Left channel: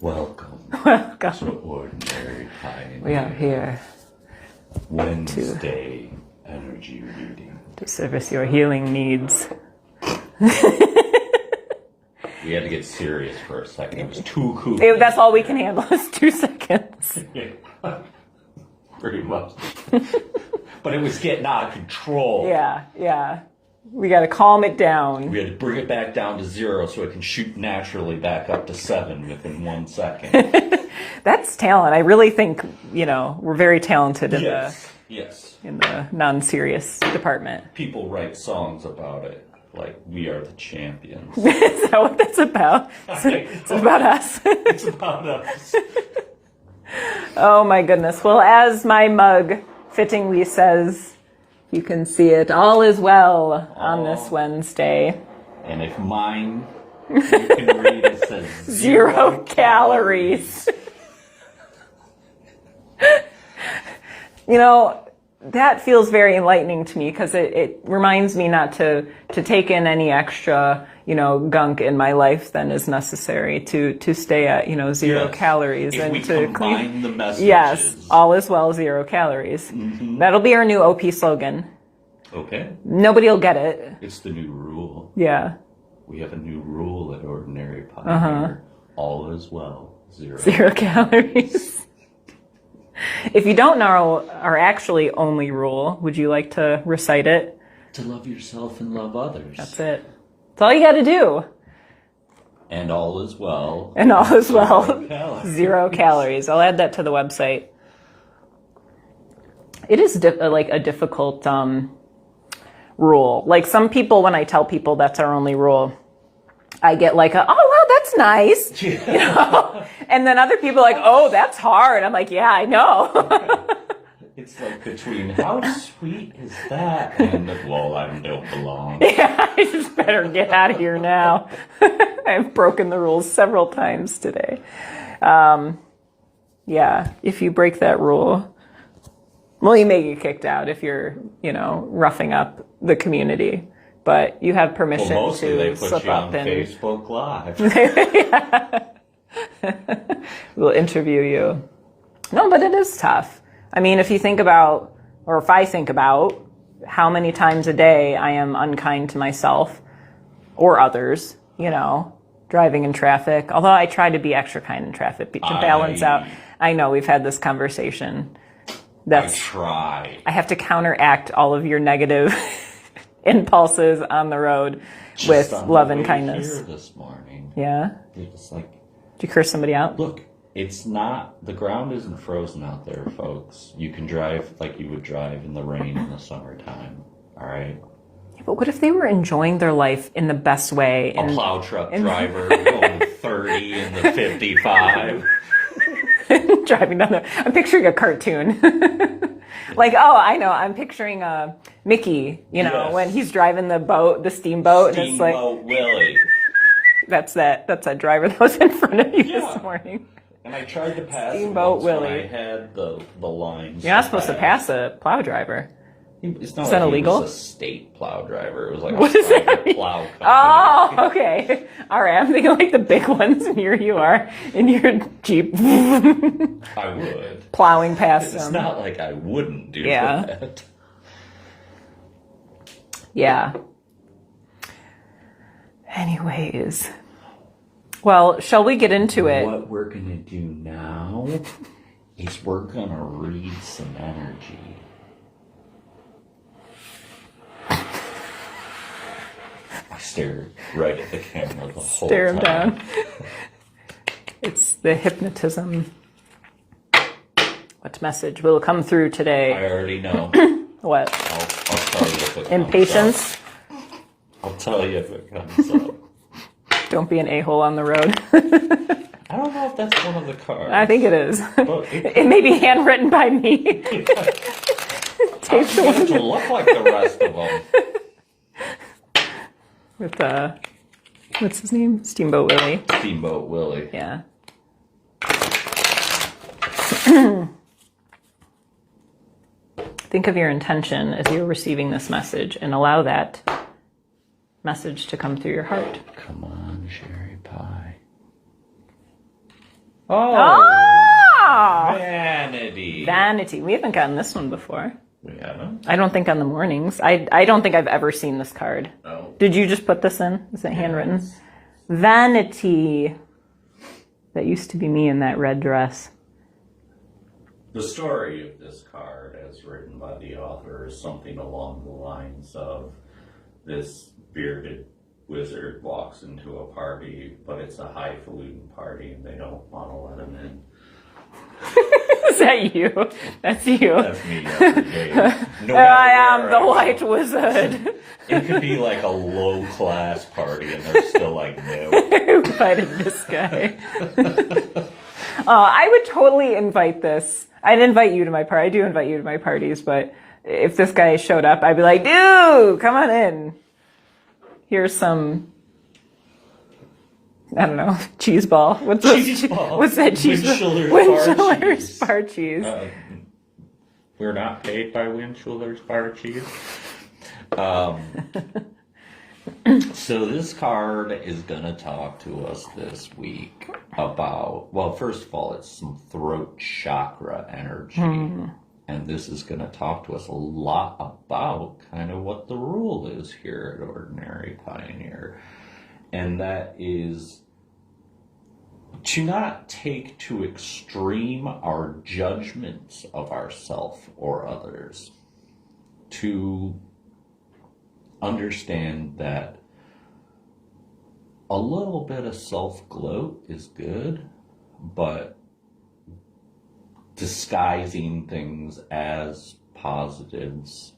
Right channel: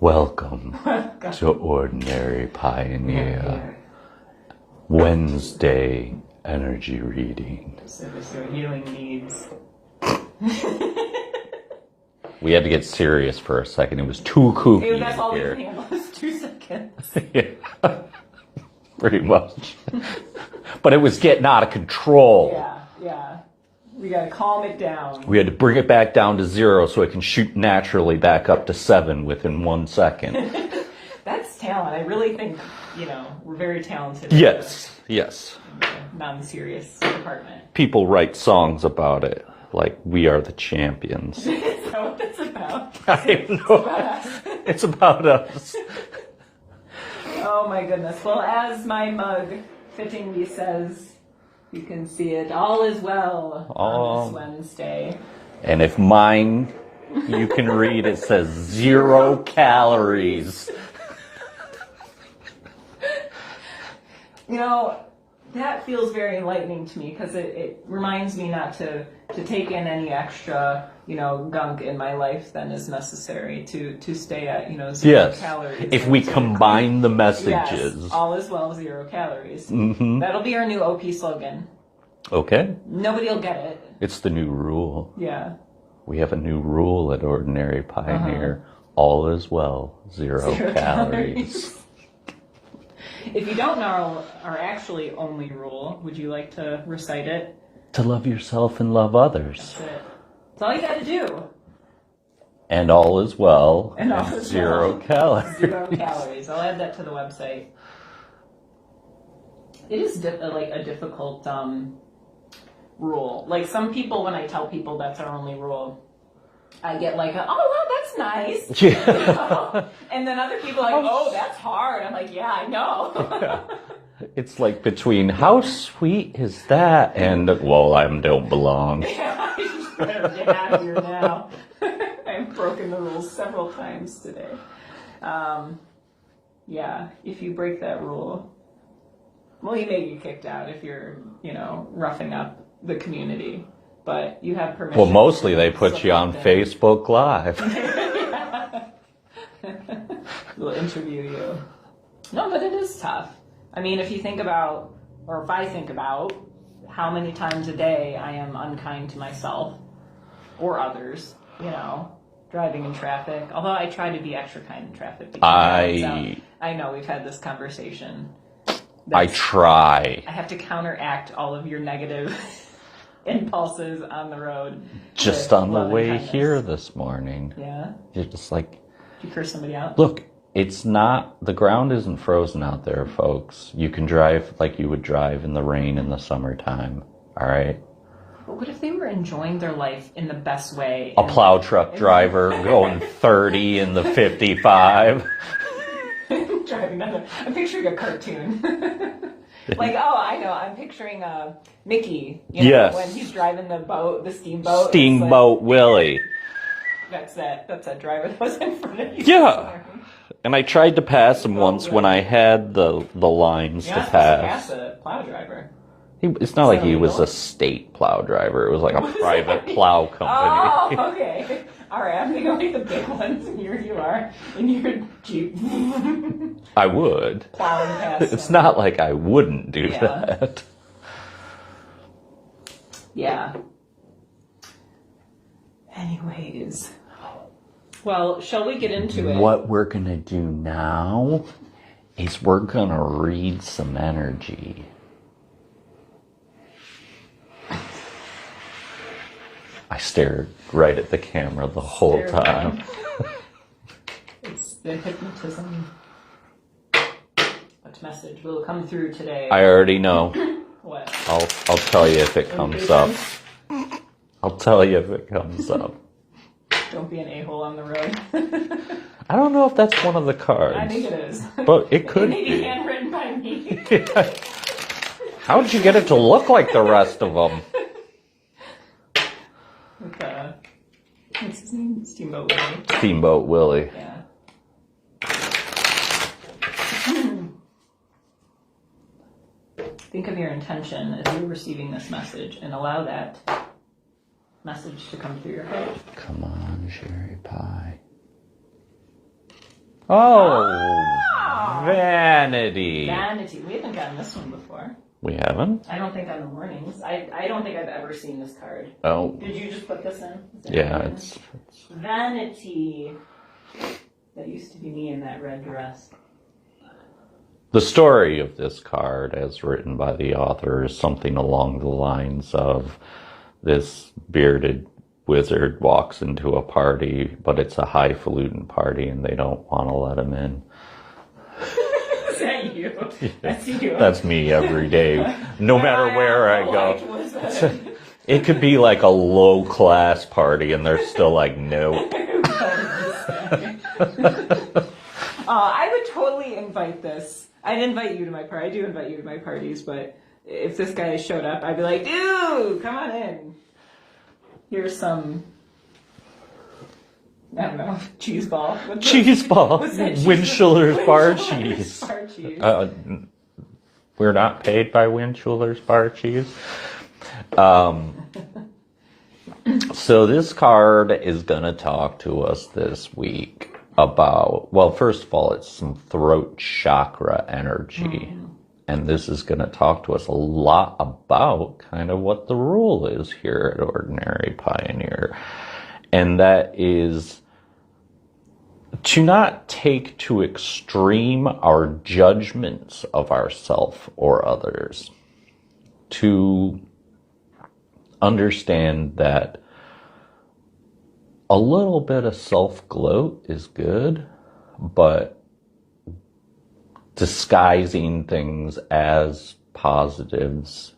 Welcome Welcome. to Ordinary Pioneer. We are here Wednesday energy reading. to service your healing needs. We had to get serious for a second. It was too kooky. That's all we can handle is 2 seconds. Yeah, pretty much. But it was getting out of control. Yeah. We got to calm it down. We had to bring it back down to 0 so it can shoot naturally back up to 7 within 1 second. That's talent. I really think, we're very talented in Yes. in the non-serious department. People write songs about it, like we are the champions. Is that what that's about? It's about us. It's about us. Oh my goodness. Well, as my mug fittingly says, you can see it. All is well on this Wednesday. And if mine, you can read, it says 0 calories. That feels very enlightening to me because it reminds me not to take in any extra, gunk in my life than is necessary to stay at, 0 calories. If and we to combine the messages. Yes, all is well, 0 calories. Mm-hmm. That'll be our new OP slogan. Okay. Nobody will get it. It's the new rule. Yeah. We have a new rule at Ordinary Pioneer. All is well, 0 calories. If you don't know our actually only rule, would you like to recite it? To love yourself and love others. That's it. That's all you got to do. And all is well. And all is 0 well. calories. 0 calories. I'll add that to the website. It is a difficult rule. Like some people, when I tell people that's our only rule, I get like, oh, wow, that's nice. Yeah. And then other people are like, oh, that's hard. I'm like, yeah, I know. It's like between how sweet is that and, well, I don't belong. Yeah, I just better get out of here now. I've broken the rules several times today. Yeah, if you break that rule, well, you may get kicked out if you're, roughing up the community. But you have permission. Well, mostly they put you on Facebook Live. We'll interview you. No, but it is tough. I mean, if you think about, or if I think about how many times a day I am unkind to myself or others, driving in traffic. Although I try to be extra kind in traffic to balance out. I know we've had this conversation. I try. I have to counteract all of your negative impulses on the road just with on love the and way kindness. Here this morning. Yeah? You're just like... Did you curse somebody out? Look, the ground isn't frozen out there, folks. You can drive like you would drive in the rain in the summertime, all right? But what if they were enjoying their life in the best way? A plow truck driver going 30 in the 55. Driving down I'm picturing a cartoon. Like, oh, I know. I'm picturing Mickey, Yes. when he's driving the boat, the steamboat. Steamboat Willie. That's that driver that was in front of you this morning. And I tried to pass him Steamboat once when Willie. I had the lines You're not supposed to pass a plow driver. It's not Is like that he illegal? was a state plow driver. It was like a private plow company. Oh, okay. All right. I'm thinking like the big ones, and here you are in your Jeep I would. plowing past It's them. not like I wouldn't do Yeah. that. Yeah. Anyways. Well, shall we get into it? What we're going to do now is we're going to read some energy. I stared right at the camera the whole Stare time. down. It's the hypnotism. What message will come through today? I already know. What? I'll tell you if it comes Impatience? up. I'll tell you if it comes up. Don't be an a-hole on the road. I don't know if that's one of the cards. I think it is. But it could. It may be handwritten by me. How'd you get it to look like the rest of them? With, what's his name? Steamboat Willie. Steamboat Willie. Yeah. Think of your intention as you're receiving this message and allow that message to come through your heart. Come on, Sherry Pie. Oh! Vanity. Vanity. We haven't gotten this one before. We haven't? I don't think on the mornings. I don't think I've ever seen this card. Oh. Did you just put this in? Is it handwritten? It's- Vanity. That used to be me in that red dress. The story of this card, as written by the author, is something along the lines of this bearded wizard walks into a party, but it's a highfalutin party and they don't want to let him in. Is that you? That's you. That's me every day. No matter where I the go. white wizard. It could be like a low-class party and they're still like, no. Who invited this guy? I would totally invite this. I'd invite you to my party. I do invite you to my parties, but if this guy showed up, I'd be like, dude, come on in. Here's some, I don't know, cheese ball. Cheese ball. What's that cheese? Winchellers bar Winchellers cheese. bar cheese. We're not paid by Winchellers bar cheese. So this card is going to talk to us this week about, well, first of all, it's some throat chakra energy. And this is going to talk to us a lot about kind of what the rule is here at Ordinary Pioneer. And that is to not take to extreme our judgments of ourselves or others. To understand that a little bit of self-gloat is good, but disguising things as positives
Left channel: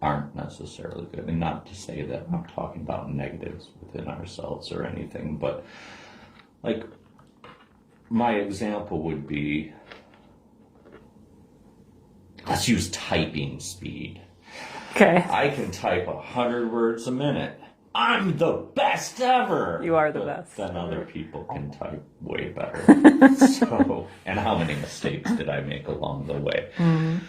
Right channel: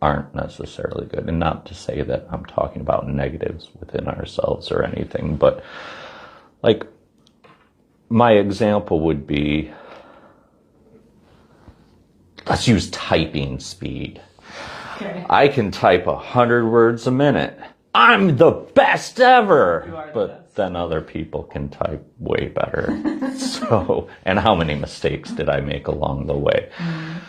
aren't necessarily good. And not to say that I'm talking about negatives within ourselves or anything, but like my example would be, let's use typing speed. Okay. I can type 100 words a minute. I'm the best ever. You are the but best. Then other people can type way better. So, and how many mistakes did I make along the way?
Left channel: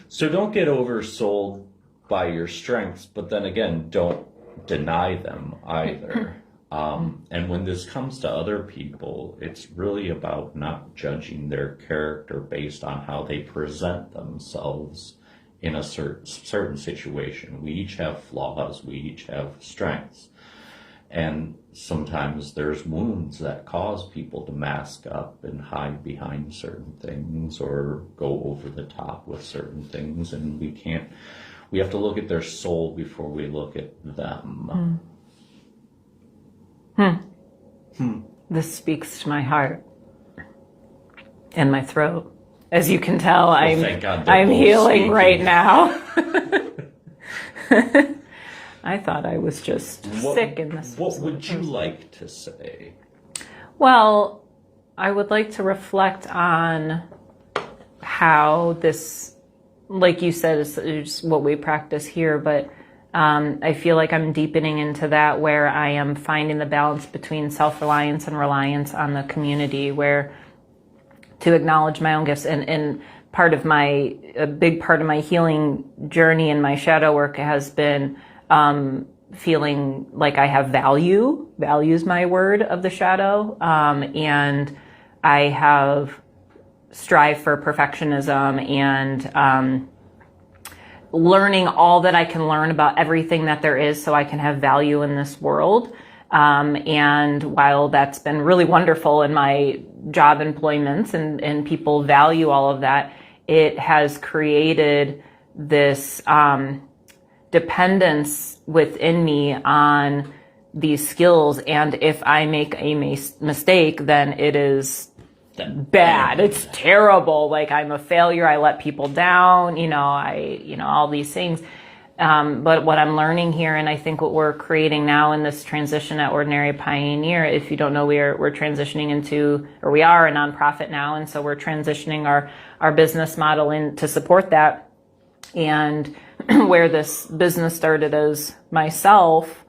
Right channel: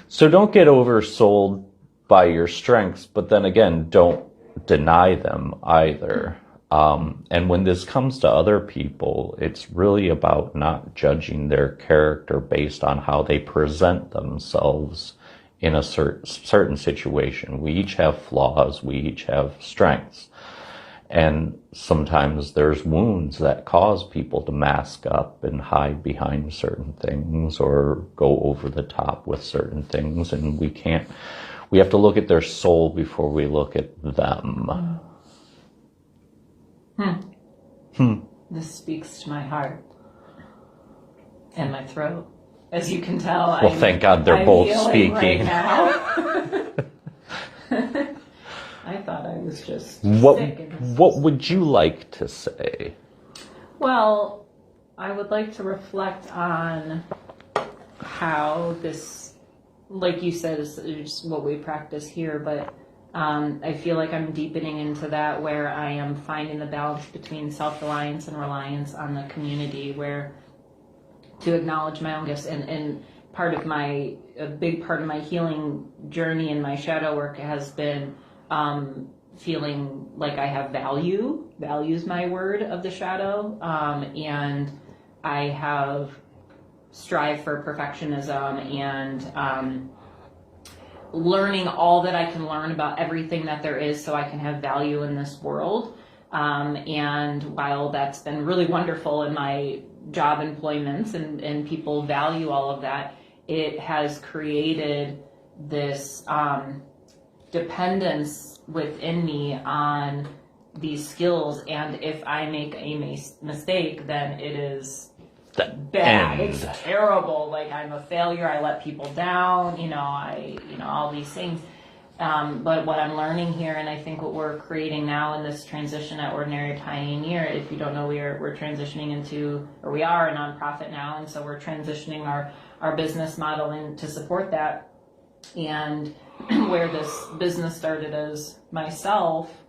So don't get oversold by your strengths, but then again, don't deny them either. And when this comes to other people, it's really about not judging their character based on how they present themselves in a certain situation. We each have flaws. We each have strengths. And sometimes there's wounds that cause people to mask up and hide behind certain things or go over the top with certain things. And we have to look at their soul before we look at them. This speaks to my heart and my throat. As you can tell, I'm, thank God they're I'm both healing speaking. right now. I thought I was just sick in this. What would you like to say? Well, I would like to reflect on how this, like you said, is what we practice here, but I feel like I'm deepening into that where I am finding the balance between self-reliance and reliance on the community, where to acknowledge my own gifts and a big part of my healing journey and my shadow work has been feeling like I have value. Value is my word of the shadow. And I have strived for perfectionism and learning all that I can learn about everything that there is so I can have value in this world. And while that's been really wonderful in my job employments and people value all of that, it has created this dependence within me on these skills. And if I make a mistake, then it is bad. It's terrible. Like I'm a failure. I let people down, all these things. But what I'm learning here, and I think what we're creating now in this transition at Ordinary Pioneer, if you don't know, we're transitioning into, or we are a nonprofit now, and so we're transitioning our business model in to support that. And where this business started as myself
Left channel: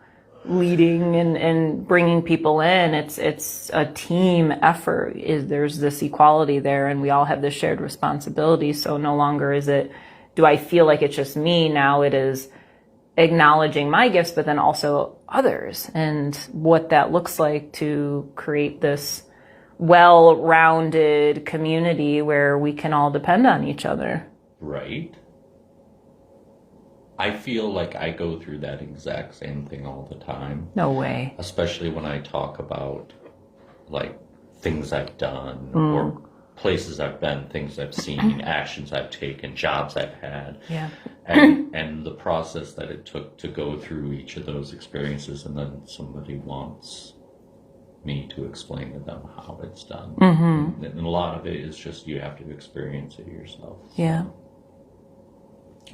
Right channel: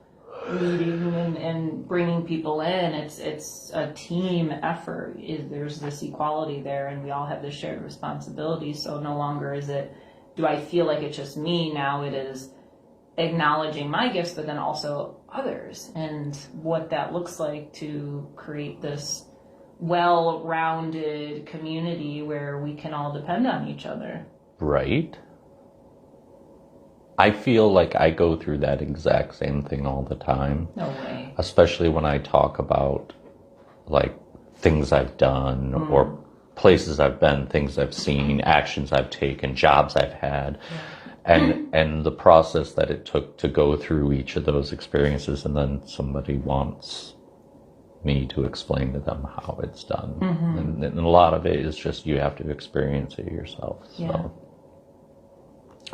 leading and bringing people in, it's a team effort. There's this equality there, and we all have this shared responsibility. So no longer do I feel like it's just me. Now it is acknowledging my gifts, but then also others and what that looks like to create this well-rounded community where we can all depend on each other. Right? I feel like I go through that exact same thing all the time. No way. Especially when I talk about like things I've done or places I've been, things I've seen, actions I've taken, jobs I've had. Yeah. And the process that it took to go through each of those experiences, and then somebody wants me to explain to them how it's done. And a lot of it is just you have to experience it yourself. So. Yeah.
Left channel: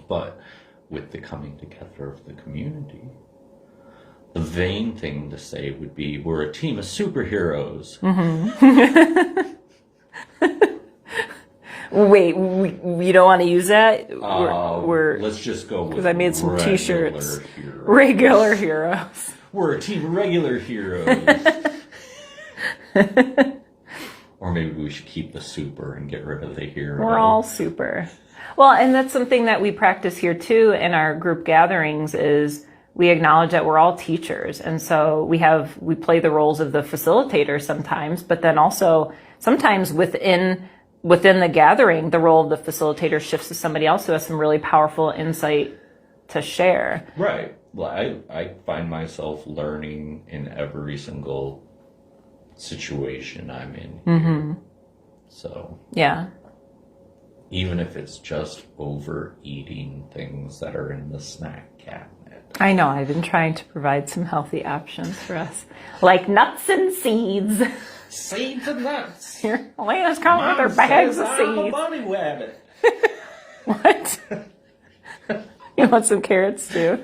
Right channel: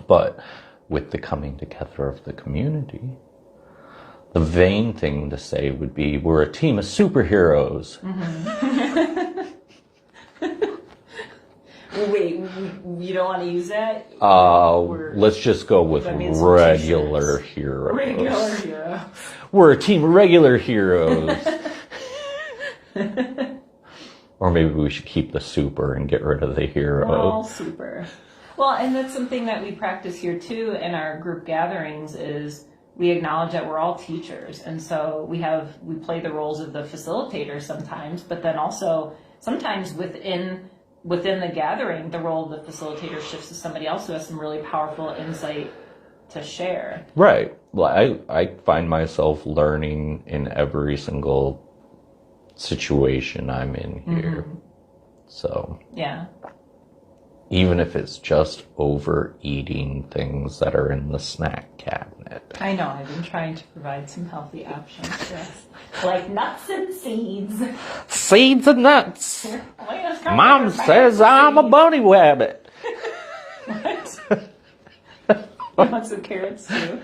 But with the coming together of the community, the vain thing to say would be we're a team of superheroes. Wait, we don't want to use that? Let's just go with I made some regular t-shirts. heroes. Regular heroes. We're a team of regular heroes. Or maybe we should keep the super and get rid of the hero. We're all super. Well, and that's something that we practice here too in our group gatherings is we acknowledge that we're all teachers. And so we play the roles of the facilitator sometimes, but then also sometimes within the gathering, the role of the facilitator shifts to somebody else who has some really powerful insight to share. Right. Well, I find myself learning in every single situation I'm in here. So. Yeah. Even if it's just overeating things that are in the snack cabinet. I know, I've been trying to provide some healthy options for us. Like nuts and seeds. Seeds and nuts. Here, Elena's coming Mom with her says bags of I'm a seeds. bunny rabbit. What? You want some carrots too?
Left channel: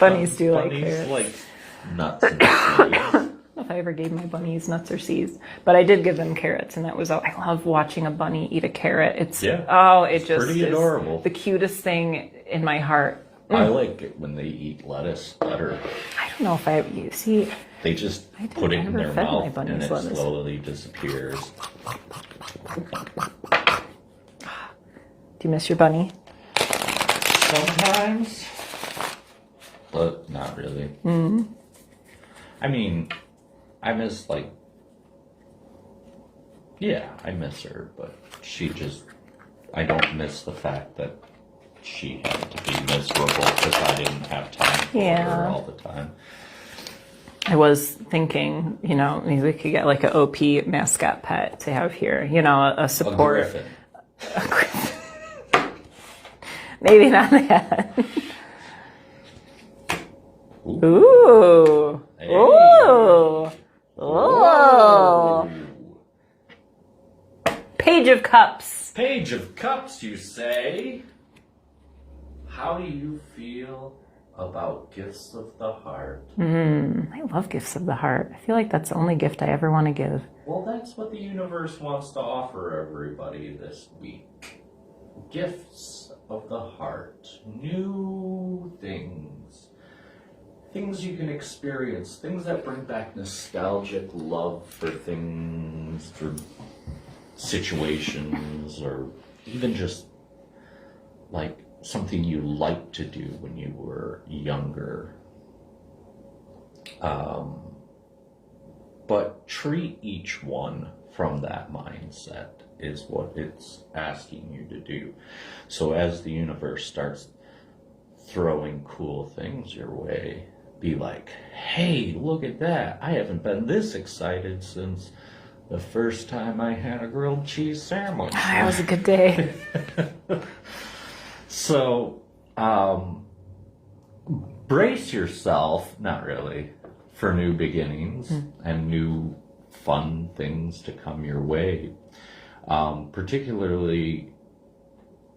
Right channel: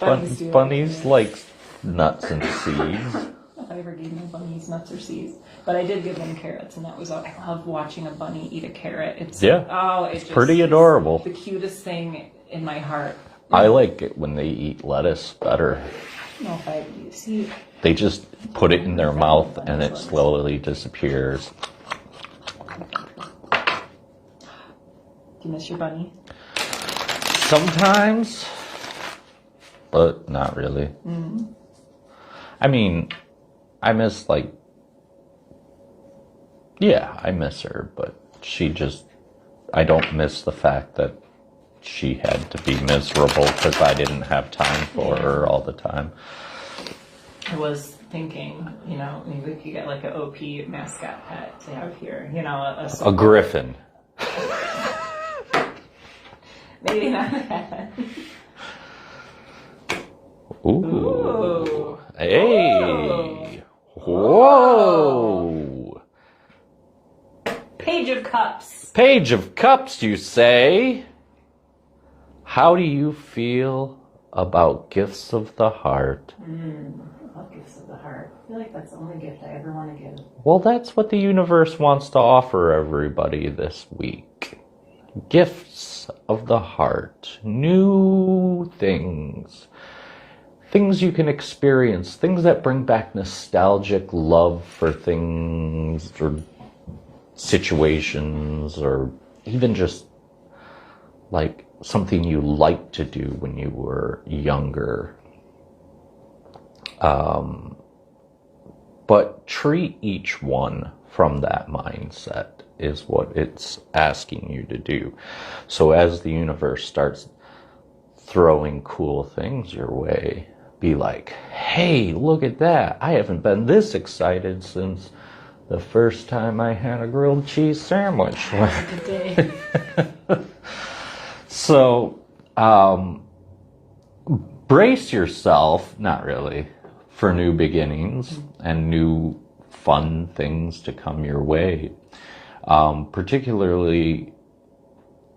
Bunnies do Bunnies like carrots. like nuts and seeds. If I ever gave my bunnies nuts or seeds, but I did give them carrots, and that was I love watching a bunny eat a carrot. It's it's just pretty adorable. The cutest thing in my heart. I like it when they eat lettuce better. I don't know if you see. They just put it in never their fed my mouth bunnies and it lettuce. slowly disappears. Do you miss your bunny? Sometimes, but not really. I mean, I miss I miss her, but I don't miss the fact that she had to be miserable because I didn't have time for her all the time. I was thinking, maybe we could get like an OP mascot pet to have here, a support. A griffin. Maybe not that. Ooh. Ooh. Hey. Ooh. Whoa. Page of Cups. Page of Cups, you say? How do you feel about gifts of the heart? I love gifts of the heart. I feel like that's the only gift I ever want to give. Well, that's what the universe wants to offer everybody this week. Gifts of the heart. New things. Things you can experience. Things that bring back nostalgic love for things or situations or even just like something you liked to do when you were younger. But treat each one from that mindset is what it's asking you to do. So as the universe starts throwing cool things your way, be like, hey, look at that. I haven't been this excited since the first time I had a grilled cheese sandwich. That was a good day. So, brace yourself, not really, for new beginnings and new fun things to come your way. Particularly,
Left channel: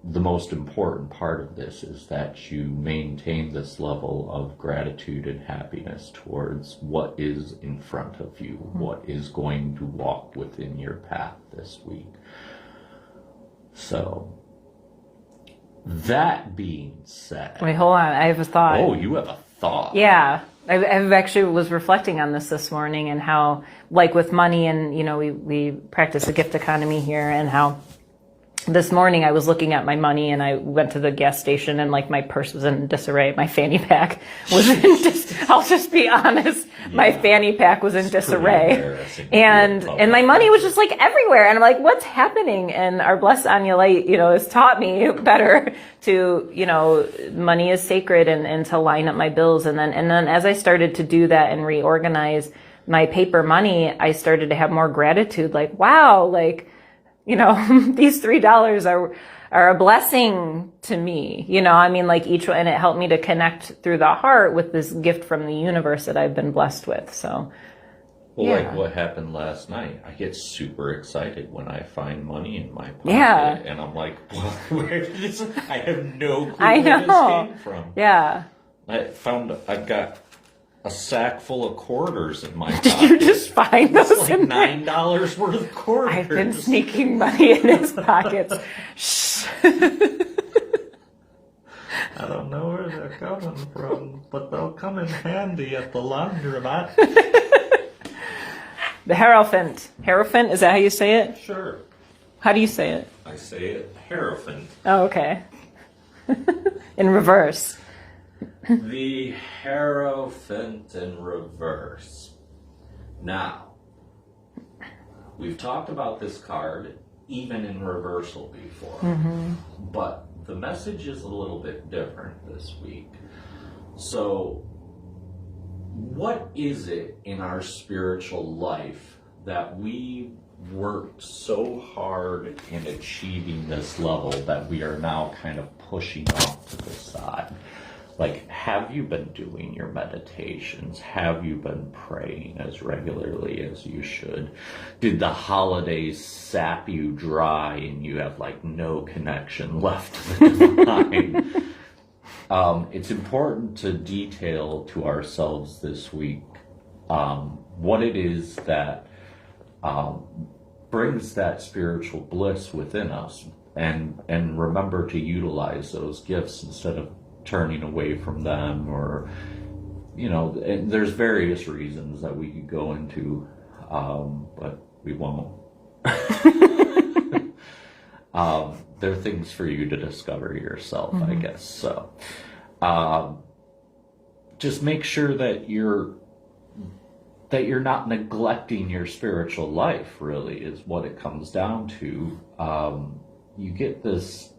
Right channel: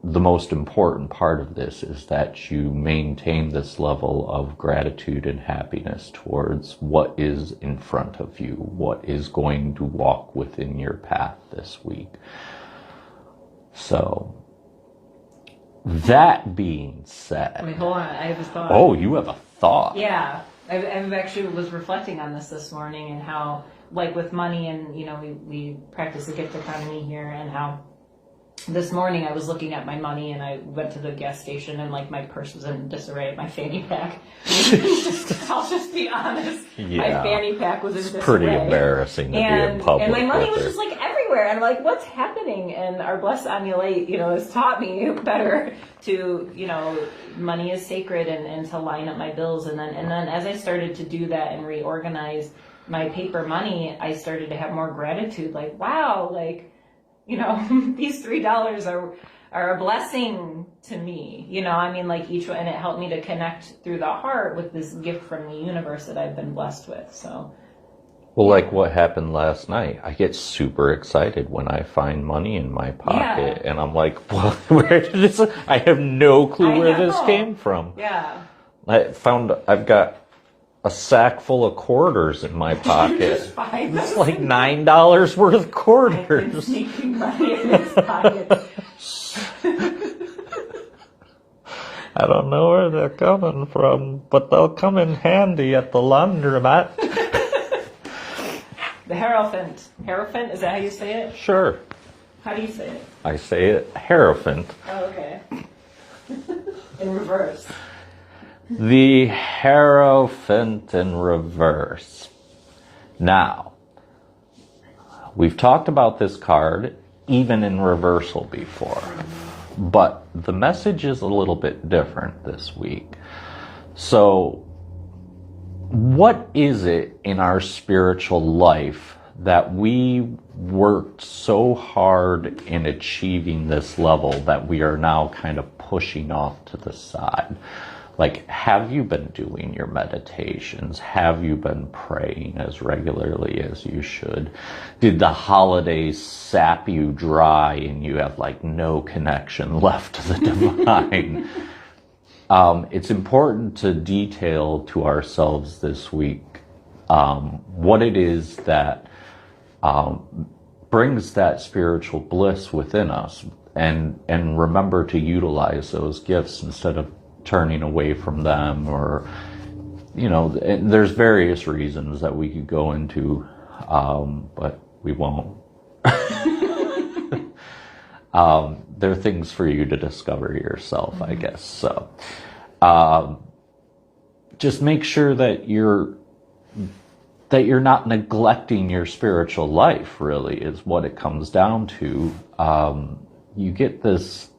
the most important part of this is that you maintain this level of gratitude and happiness towards what is in front of you, what is going to walk within your path this week. So, that being said... Wait, hold on. I have a thought. Oh, you have a thought. Yeah. I actually was reflecting on this morning and how, like with money and, we practice a gift economy here and how this morning I was looking at my money and I went to the gas station and like my purse was in disarray. My fanny pack was in I'll just be honest. My fanny pack was in disarray. Pretty embarrassing. And my money was just like everywhere. And I'm like, what's happening? And our Blessed Annulite, has taught me better to, money is sacred and to line up my bills. And then as I started to do that and reorganize my paper money, I started to have more gratitude. Like, wow, like, these $3 are a blessing to me. Like each one, and it helped me to connect through the heart with this gift from the universe that I've been blessed with. So, like what happened last night, I get super excited when I find money in my pocket, and I'm like, well, where did this? I have no clue where this came from. Yeah, I've got a sack full of quarters in my pocket. Did you just find those? It's like $9 worth of quarters. I've been sneaking money in his pockets. Shh. I don't know where they're coming from, but they'll come in handy at the laundromat. The Hierophant. Hierophant, is that how you say it? Sure. How do you say it? I say it Hierophant. Oh, okay. In reverse. The Hierophant in reverse. Now, we've talked about this card even in reversal before, but the message is a little bit different this week. So, what is it in our spiritual life that we worked so hard in achieving this level that we are now kind of pushing off to the side? Like, have you been doing your meditations? Have you been praying as regularly as you should? Did the holidays sap you dry and you have like no connection left to the divine? It's important to detail to ourselves this week what it is that brings that spiritual bliss within us, and remember to utilize those gifts instead of turning away from them, or there's various reasons that we could go into, but we won't. They're things for you to discover yourself, I guess. So just make sure that you're not neglecting your spiritual life, really, is what it comes down to. You get this,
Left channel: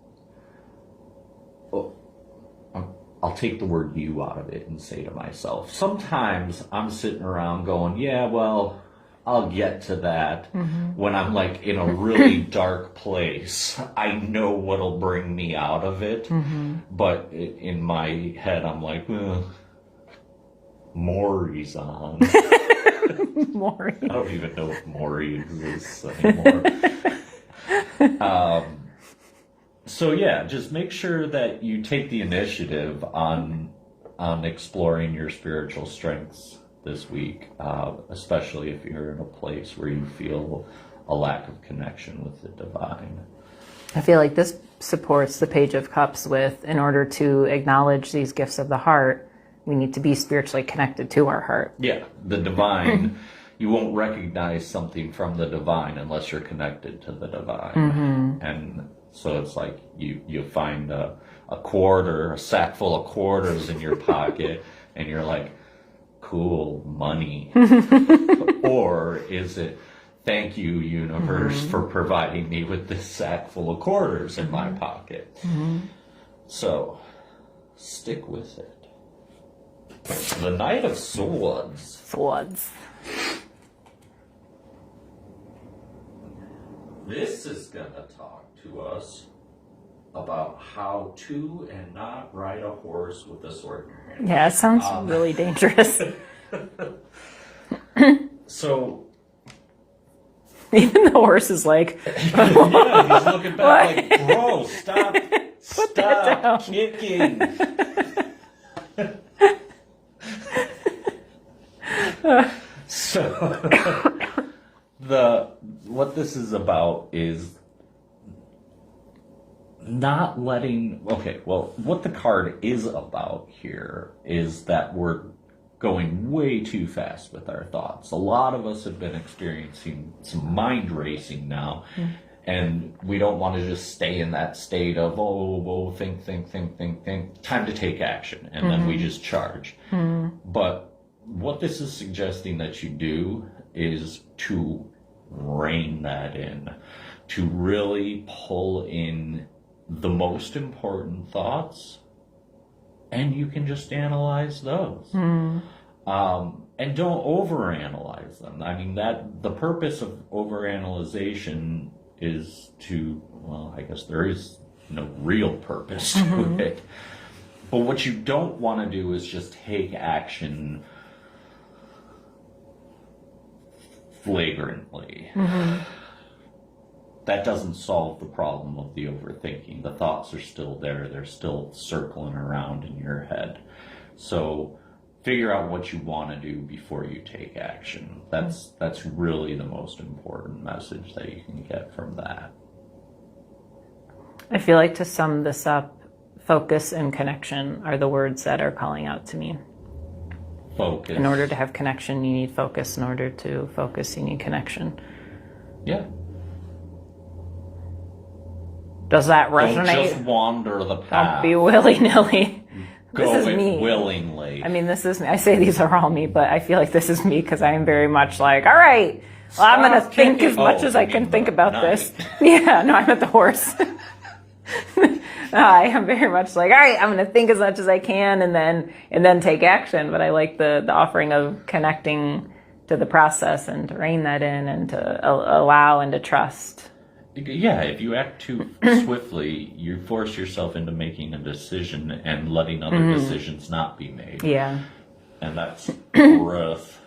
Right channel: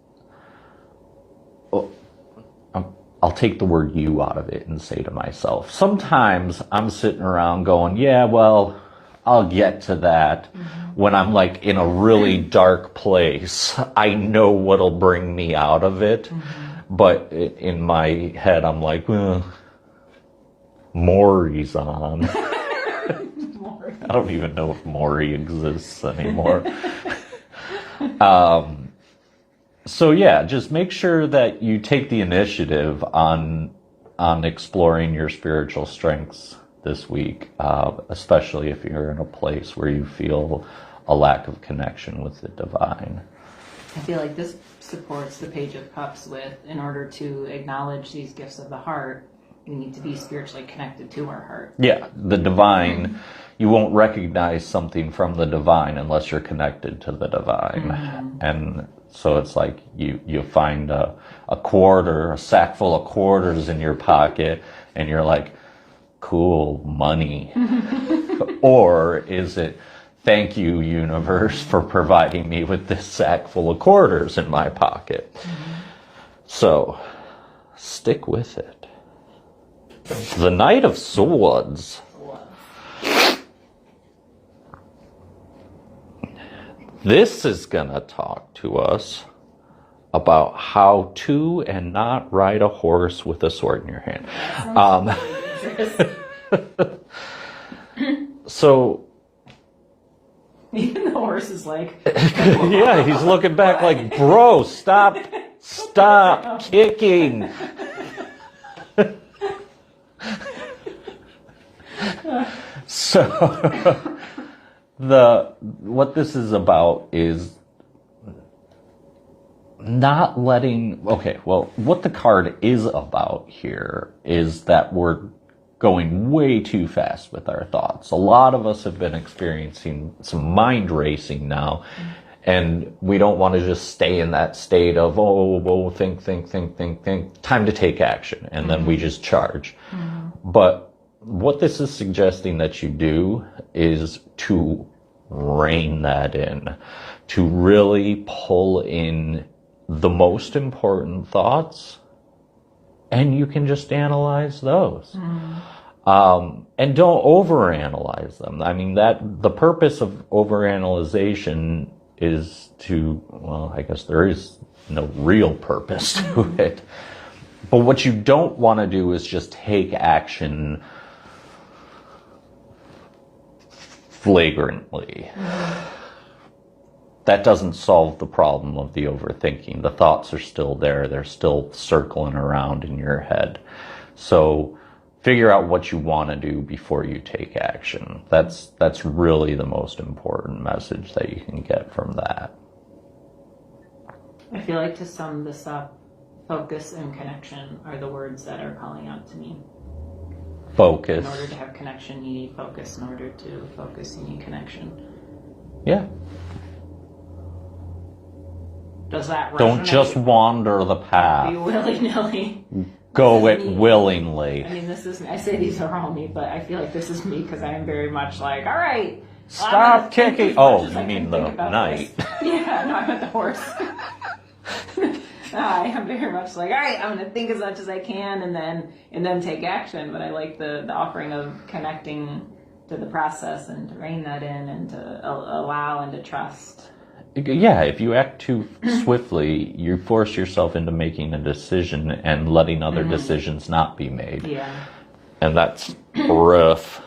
I'll take the word you out of it and say to myself, sometimes I'm sitting around going, yeah, well, I'll get to that when I'm like in a really dark place. I know what'll bring me out of it. But in my head, I'm like, Maury's on. Maury. I don't even know if Maury exists anymore. So yeah, just make sure that you take the initiative on exploring your spiritual strengths this week, especially if you're in a place where you feel a lack of connection with the divine. I feel like this supports the Page of Cups with, in order to acknowledge these gifts of the heart, we need to be spiritually connected to our heart. Yeah, the divine, you won't recognize something from the divine unless you're connected to the divine. And so it's like you find a quarter, a sack full of quarters in your pocket, and you're like, cool, money. Or is it, thank you, universe, for providing me with this sack full of quarters in my pocket? So, stick with it. The Knight of Swords. This is going to talk to us about how to and not ride a horse with a sword in your hand. Yeah, it sounds really dangerous. So, even the horse is like, yeah, he's looking back like, bro, stop kicking. So, what this is about is not letting, what the card is about here is that we're going way too fast with our thoughts. A lot of us have been experiencing some mind racing now, And we don't want to just stay in that state of, think, time to take action. And then we just charge. But what this is suggesting that you do is to rein that in, to really pull in the most important thoughts, and you can just analyze those. And don't overanalyze them. I mean, that the purpose of overanalyzation is to, well, I guess there is no real purpose to it. But what you don't want to do is just take action flagrantly. That doesn't solve the problem of the overthinking. The thoughts are still there. They're still circling around in your head. So figure out what you want to do before you take action. That's really the most important message that you can get from that. I feel like, to sum this up, focus and connection are the words that are calling out to me. Focus. In order to have connection, you need focus. In order to focus, you need connection. Yeah. Does that resonate? Don't just wander the path. Be willy-nilly. Go it willingly. I mean, this is, I say these are all me, but I feel like this is me because I am very much like, all right, well, I'm going to think as much as I can think about this. Yeah, no, I'm at the horse. I am very much like, all right, I'm going to think as much as I can and then take action. But I like the offering of connecting to the process and to rein that in and to allow and to trust. Yeah, if you act too swiftly, you force yourself into making a decision and letting other decisions not be made. Yeah. And that's rough.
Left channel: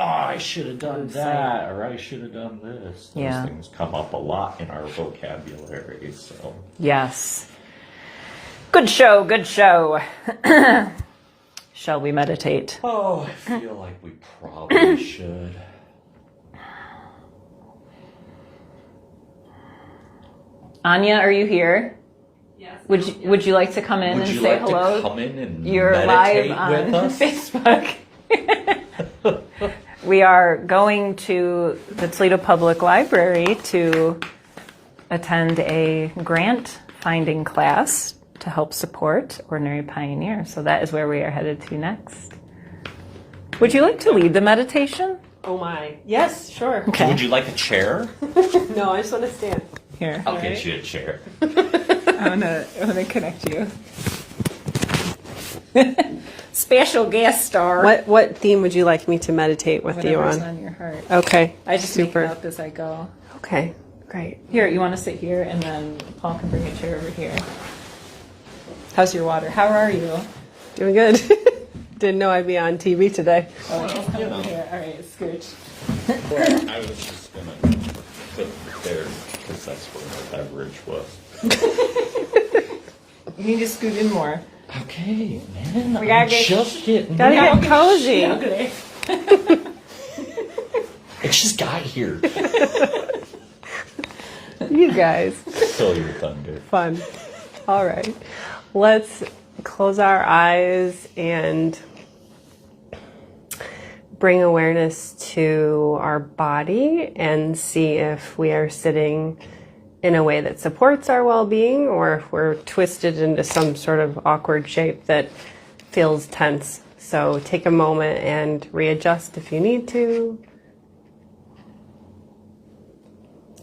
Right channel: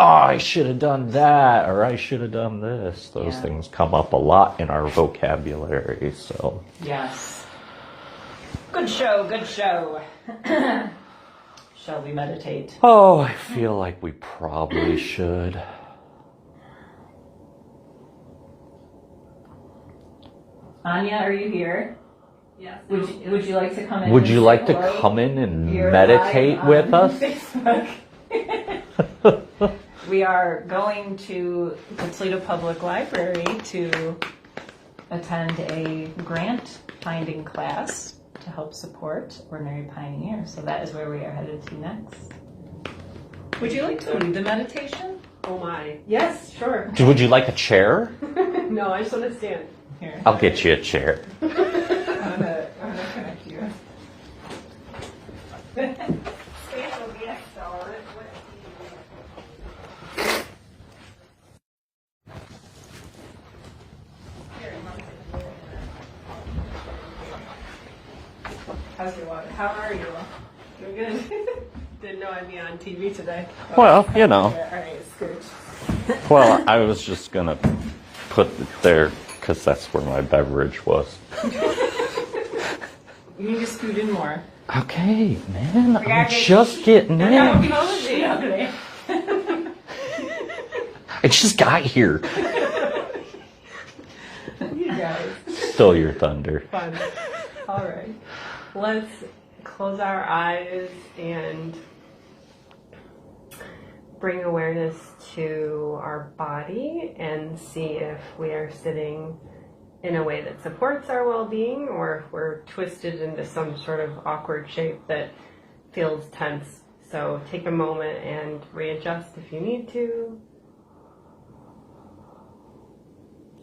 Oh, I should have done that, or I should have done this. Those things come up a lot in our vocabulary, so. Yes. Good show, good show. Shall we meditate? Oh, I feel like we probably should. Anya, are you here? Yes. Would you like to come in? Would and you say like hello? to come in and You're meditate live with on us? Facebook. We are going to the Toledo Public Library to attend a grant finding class to help support Ordinary Pioneer. So that is where we are headed to next. Would you like to lead the meditation? Oh my. Yes, sure. Okay. Would you like a chair? No, I just want to stand. Here. I'll get you a chair. I wanna connect you. Special guest star. What theme would you like me to meditate with you Whatever's on? on your heart. Okay. I just Super. make it up as I go. Okay. Great. Here, you want to sit here, and then Paul can bring a chair over here. How's your water? How are you? Doing good. Didn't know I'd be on TV today. Well, you know. Here, all right, scooch. Well, I was just going to put it there because that's where my beverage was. You need to scoot in more. Okay, man. We gotta I'm get- just getting Gotta in. get cozy. Okay. I just got here. You guys. Still your thunder. Fun. All right. Let's close our eyes and bring awareness to our body and see if we are sitting in a way that supports our well-being or if we're twisted into some sort of awkward shape that feels tense. So take a moment and readjust if you need to.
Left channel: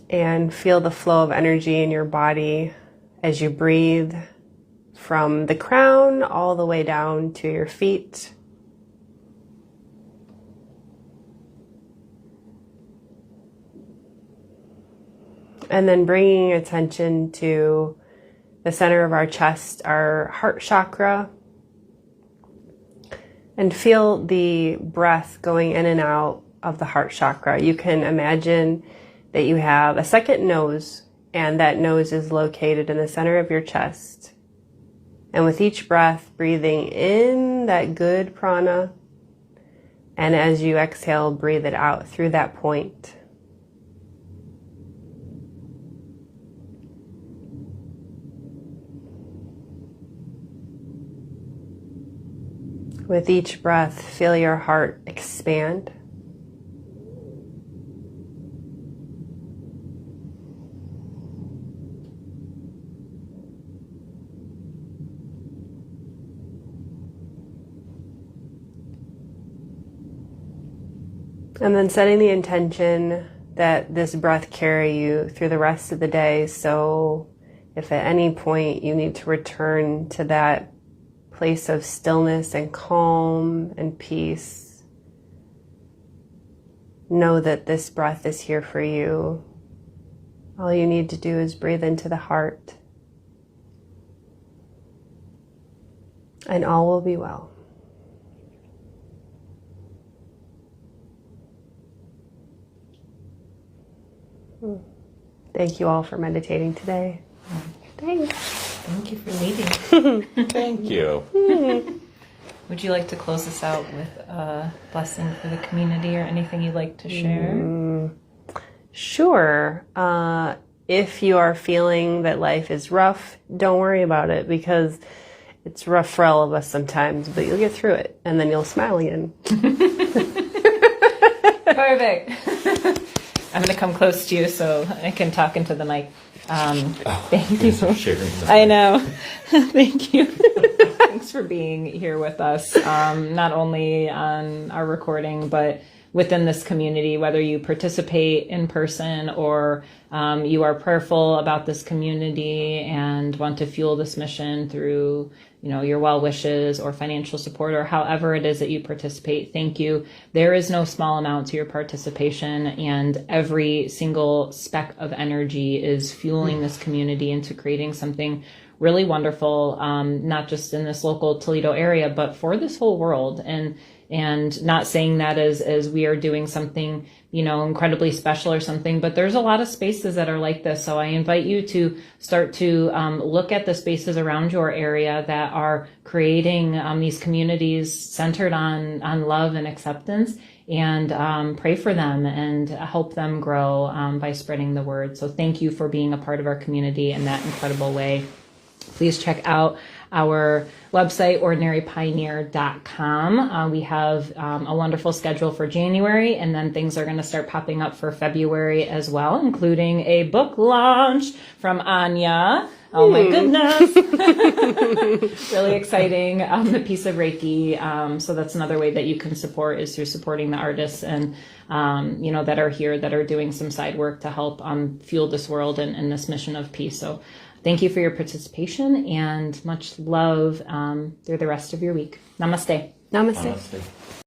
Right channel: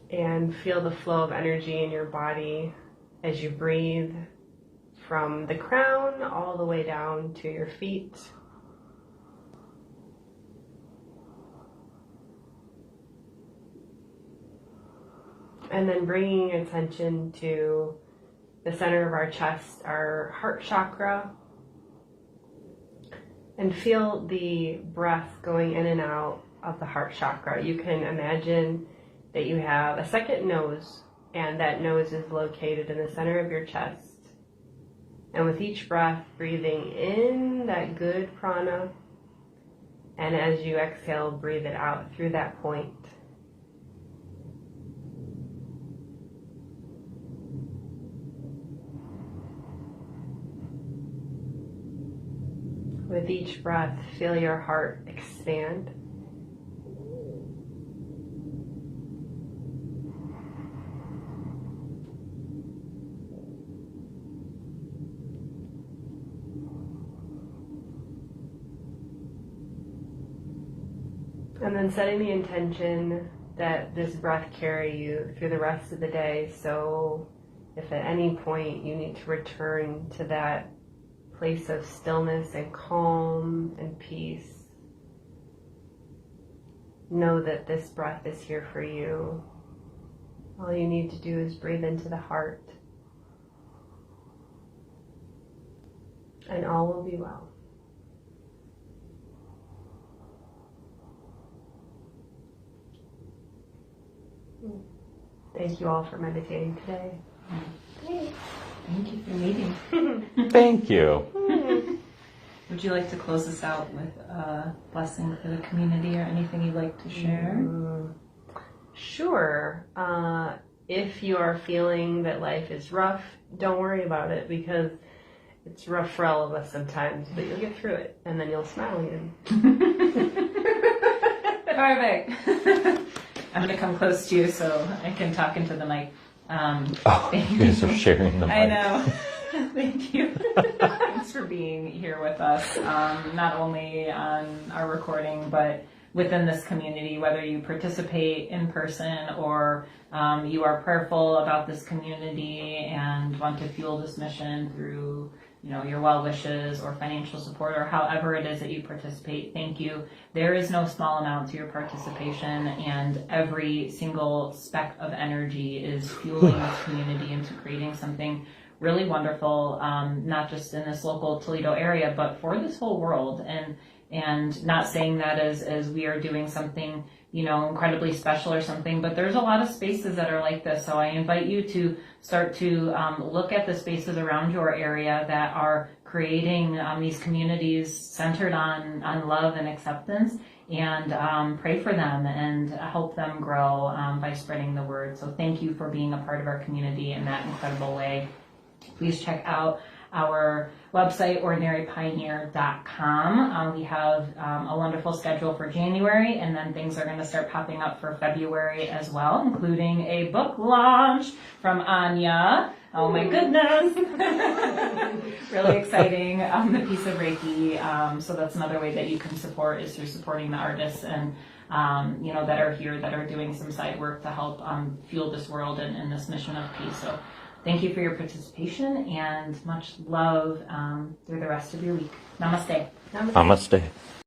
And feel the flow of energy in your body as you breathe from the crown all the way down to your feet. And then bringing attention to the center of our chest, our heart chakra. And feel the breath going in and out of the heart chakra. You can imagine that you have a second nose, and that nose is located in the center of your chest. And with each breath, breathing in that good prana, and as you exhale, breathe it out through that point. With each breath, feel your heart expand. And then setting the intention that this breath carry you through the rest of the day. So if at any point you need to return to that place of stillness and calm and peace, know that this breath is here for you. All you need to do is breathe into the heart, and all will be well. Thank you all for meditating today. Thanks. Thank you for meeting. Thank you. Would you like to close us out with a blessing for the community or anything you'd like to share? Sure. If you are feeling that life is rough, don't worry about it, because it's rough for all of us sometimes, but you'll get through it and then you'll smile again. Perfect. I'm going to come close to you so I can talk into the mic. Thank you. Guys are sharing the I mic. know. Thank you. Thanks for being here with us, not only on our recording, but within this community, whether you participate in person or you are prayerful about this community and want to fuel this mission through your well wishes or financial support, or however it is that you participate. Thank you. There is no small amount to your participation, and every single speck of energy is fueling this community into creating something really wonderful, not just in this local Toledo area, but for this whole world. And not saying that as we are doing something, incredibly special or something, but there's a lot of spaces that are like this. So I invite you to start to look at the spaces around your area that are creating these communities centered on love and acceptance, and pray for them and help them grow by spreading the word. So thank you for being a part of our community in that incredible way. Please check out our website, ordinarypioneer.com. We have a wonderful schedule for January, and then things are going to start popping up for February as well, including a book launch from Anya. Oh my goodness. Really exciting. The piece of Reiki. So that's another way that you can support, is through supporting the artists and that are here, that are doing some side work to help fuel this world and this mission of peace. So thank you for your participation, and much love through the rest of your week. Namaste. Namaste. Namaste.